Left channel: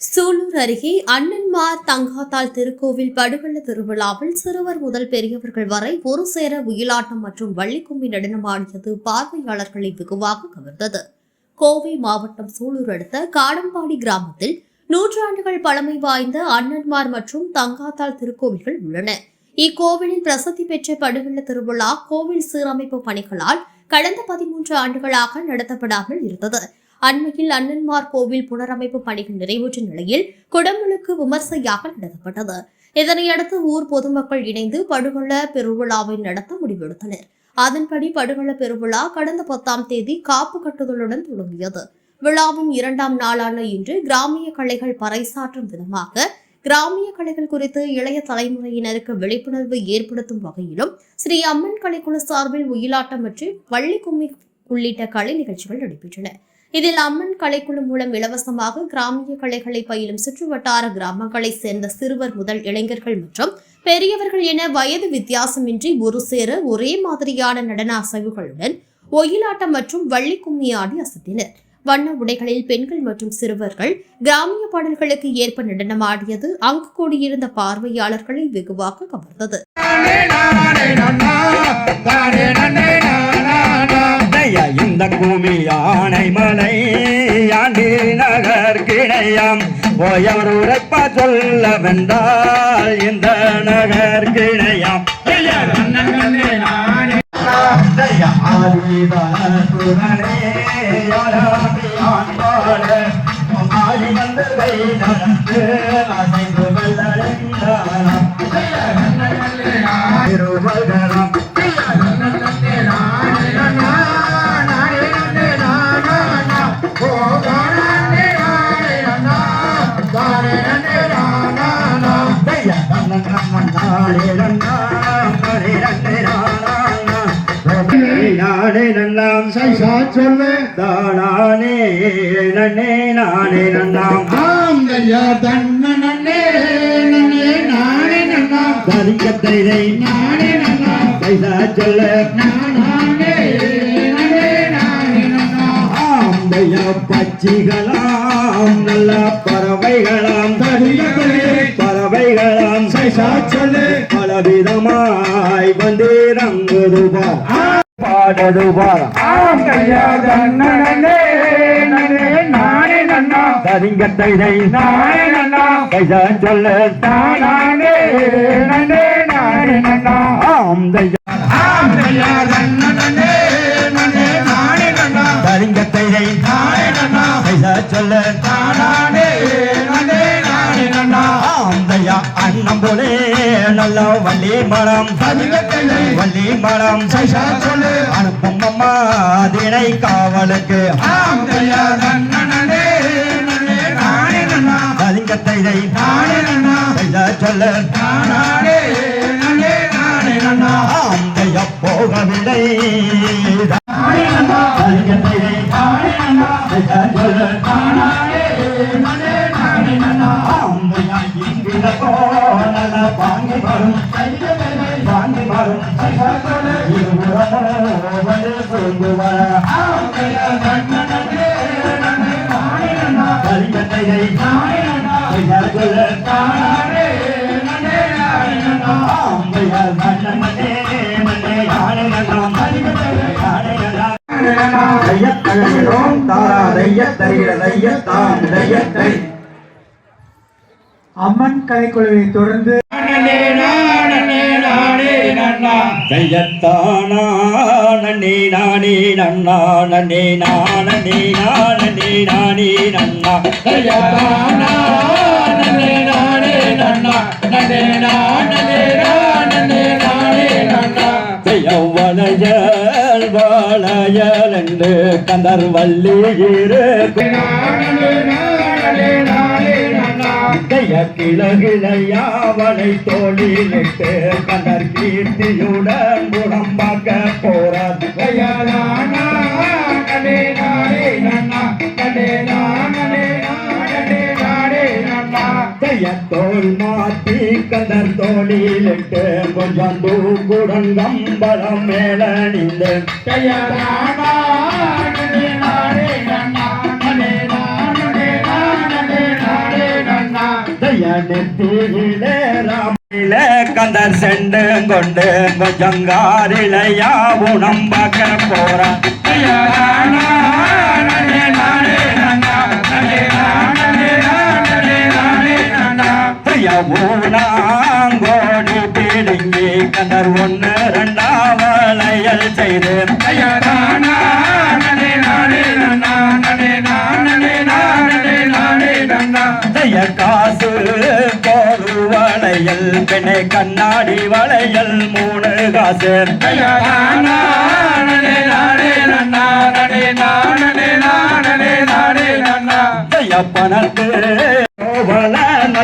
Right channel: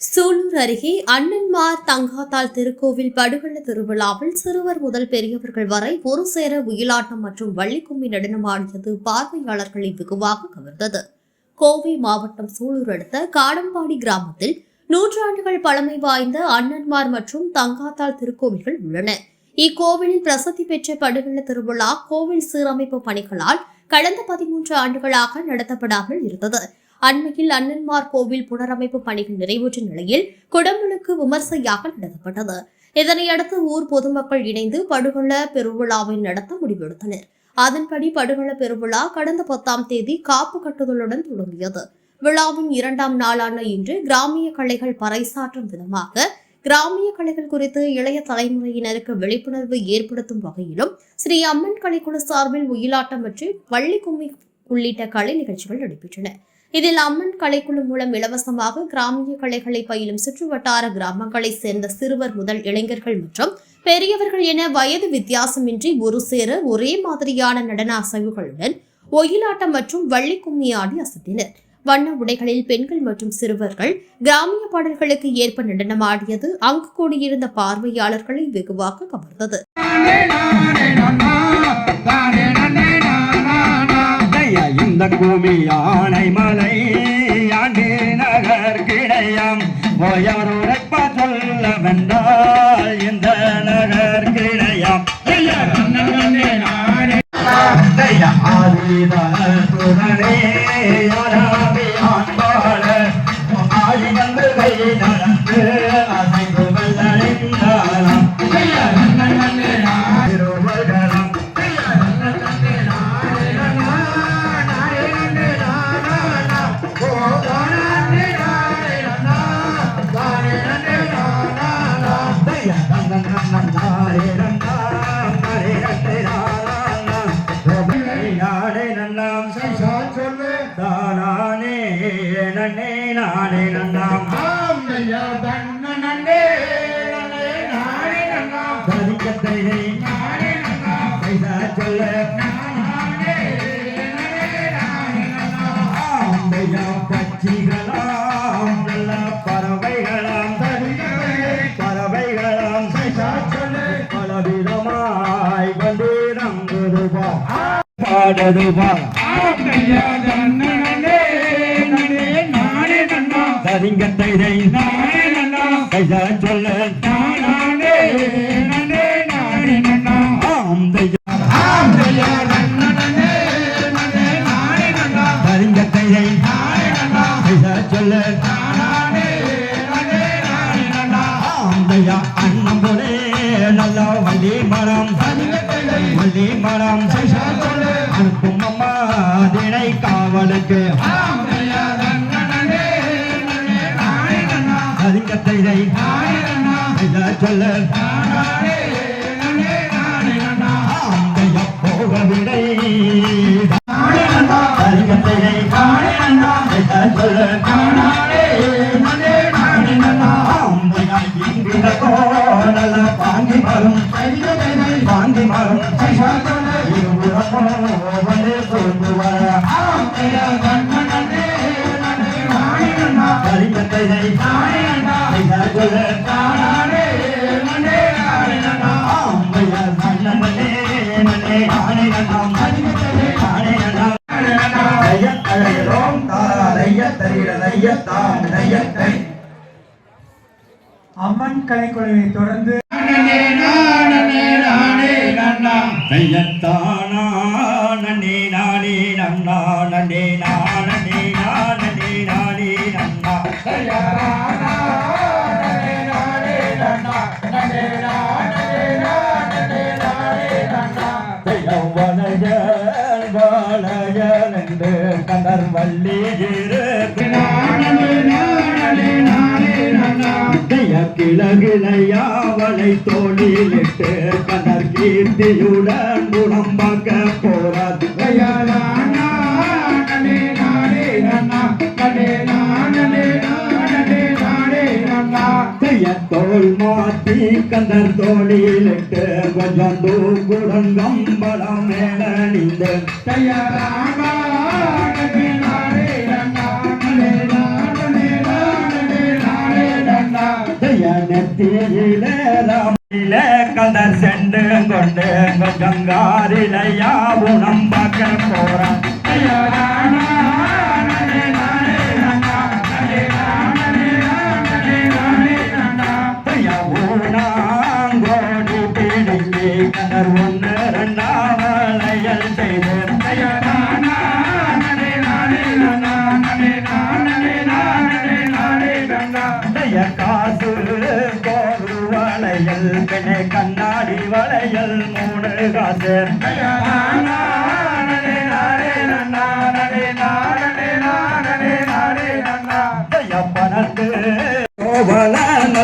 சூலூர் அருகே அண்ணன்மார் தங்காத்தாள் திருக்கோவில் படுகொள்ள திருவிழாவில் சிறுவர் முதல் பெரியவர்கள் வரை ஒரு சேர உயிலாட்டம் மற்றும் வள்ளிக்கும்மி நடனமாடியது பார்வையாளர்களை வெகுவாக கவர்ந்தது. கோவை மாவட்டம் சூலூர் அடுத்த காடம்பாடி கிராமத்தில் நூற்றாண்டுகள் பழமை வாய்ந்த அண்ணன்மார் மற்றும் தங்காத்தாள் திருக்கோவில்கள் உள்ளன. இக்கோவிலில் பிரசித்தி பெற்ற படுகொள்ள திருவிழா கோவில் சீரமைப்பு பணிகளால் கடந்த பதிமூன்று ஆண்டுகளாக நடத்தப்படாமல் இருந்தது. அண்மையில் அண்ணன்மார் கோவில் புனரமைப்பு பணிகள் நிறைவுற்ற நிலையில் குடமுழுக்கு விமர்சையாக நடத்தப்பட்டது. இதனையடுத்து ஊர் பொதுமக்கள் இணைந்து படுகொள்ள பெருவிழாவை நடத்த முடிவெடுத்தனர். அதன்படி படுகள பெருவிழா கடந்த பத்தாம் தேதி காப்பு கட்டுதலுடன் தொடங்கியது. விழாவின் இரண்டாம் நாளான இன்று கிராமிய கலைகள் பறைசாற்றும் விதமாக கிராமிய கலைகள் குறித்து இளைய தலைமுறையினருக்கு விழிப்புணர்வு ஏற்படுத்தும் வகையிலும் ஸ்ரீ அம்மன் கலைக்குழு சார்பில் ஒயிலாட்டம் மற்றும் வள்ளி கும்மி உள்ளிட்ட கலை நிகழ்ச்சிகள் நடைபெற்றன. இதில் அம்மன் கலைக்குழு மூலம் இலவசமாக கிராமிய கலைகளை பயிலும் சுற்றுவட்டார கிராமங்களைச் சேர்ந்த சிறுவர் முதல் இளைஞர்கள் மற்றும் பெரியவர்கள் என வயது வித்தியாசமின்றி ஒரு சேர ஒரே மாதிரியான நடன அசைவுகளுடன் ஒயிலாட்டம் மற்றும் வள்ளி கும்மி ஆடி அசத்தினர் வண்ண உடைகளில் பெண்கள் மற்றும் சிறுவர்கள் கிராமிய பாடல்களுக்கு ஏற்ப நடனமாடியது அங்கு கூடியிருந்த பார்வையாளர்களை வெகுவாக கவர்ந்தது இந்த பூமி யானை மலை ஆண்டி நகர் கிணையாம். போயவர் உரைப்பா சொல்ல வந்தால் இந்த நகர் கிணையாம். ஐயா, சொல்லு தானானே நன்னே நானே நன்னாம். ஆந்தையா தன்ன நன்னே நன்னே நானே நன்னா தரிக்கத்தை நானே நன்னா பைசா சொல்ல நானே நன்னே நானே நன்னா ஆந்தைய பச்சிகளாம் நல்ல பறவைகளாம். சொல்லு பலவிதமாய் வந்தேரங்குதுபா நன்னா பைசா சொல்ல. நானே நன்னே அண்ணம் போலே நல்ல வள்ளி மரம். வள்ளி மரம் அனுப்பும் அம்மா தினை காவலுக்கு. ஆந்தையா சொல்ல நன்னே நன்னே நானே அம்மன் கலைக்குழுவை தொடர்ந்து நன்னே நானே நானே நன்னா தையத்தானா நன்னே நானே நானே நானே நன்னா நன்னா நன்னே நானே நானே நானே நன்னா தைய தோல் மாத்தி கந்தர் தோளிலிட்டு கொஞ்சம் தூக்குடன் கம்பளம் மேல கையாலானா நெத்தியிலே ராமில கந்தர் செண்டு கொண்டு கொஞ்சங்காரிலையாவும் நம்பக்க போறான்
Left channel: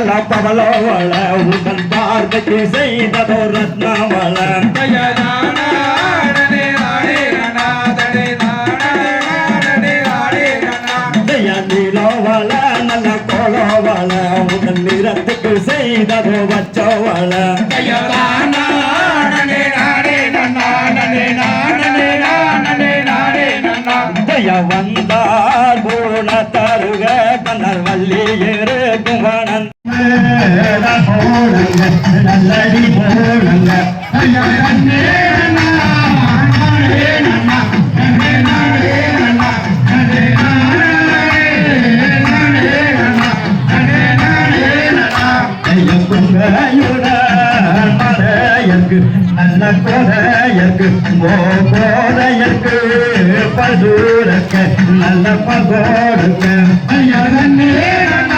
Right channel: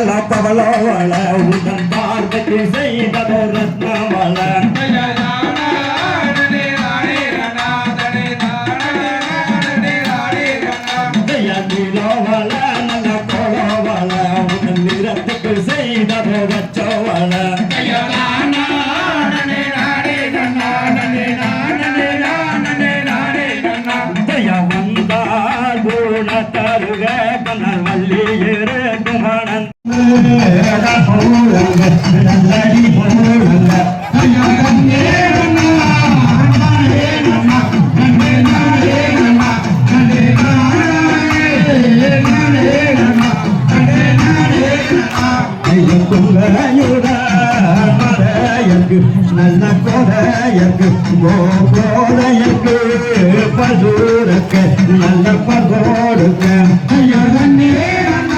கோவல நல்ல பவலோவள பார்வைக்கு செய்ததோ ரத்னவள. தைய நீலோவள நல்ல கோலோவள உடன் நிறத்துக்கு செய்ததோ நல்லடி போலங்க நல்ல கொடையற்கு போதையற்கு பசூருக்கு நல்ல பகோடுக்க நல்ல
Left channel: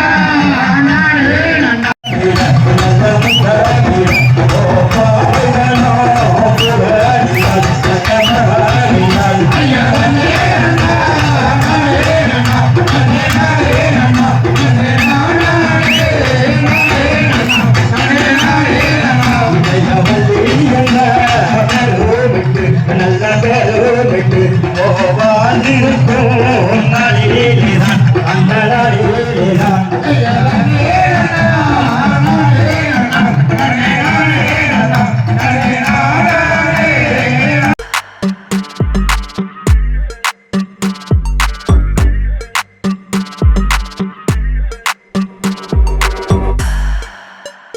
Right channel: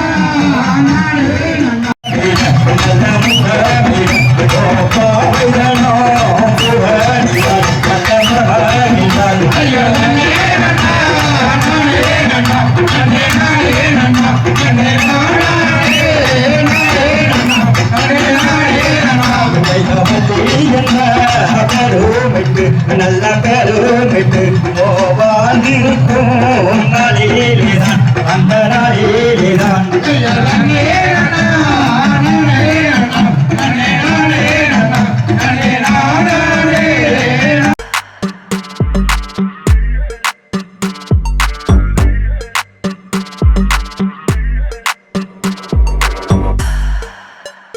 நான்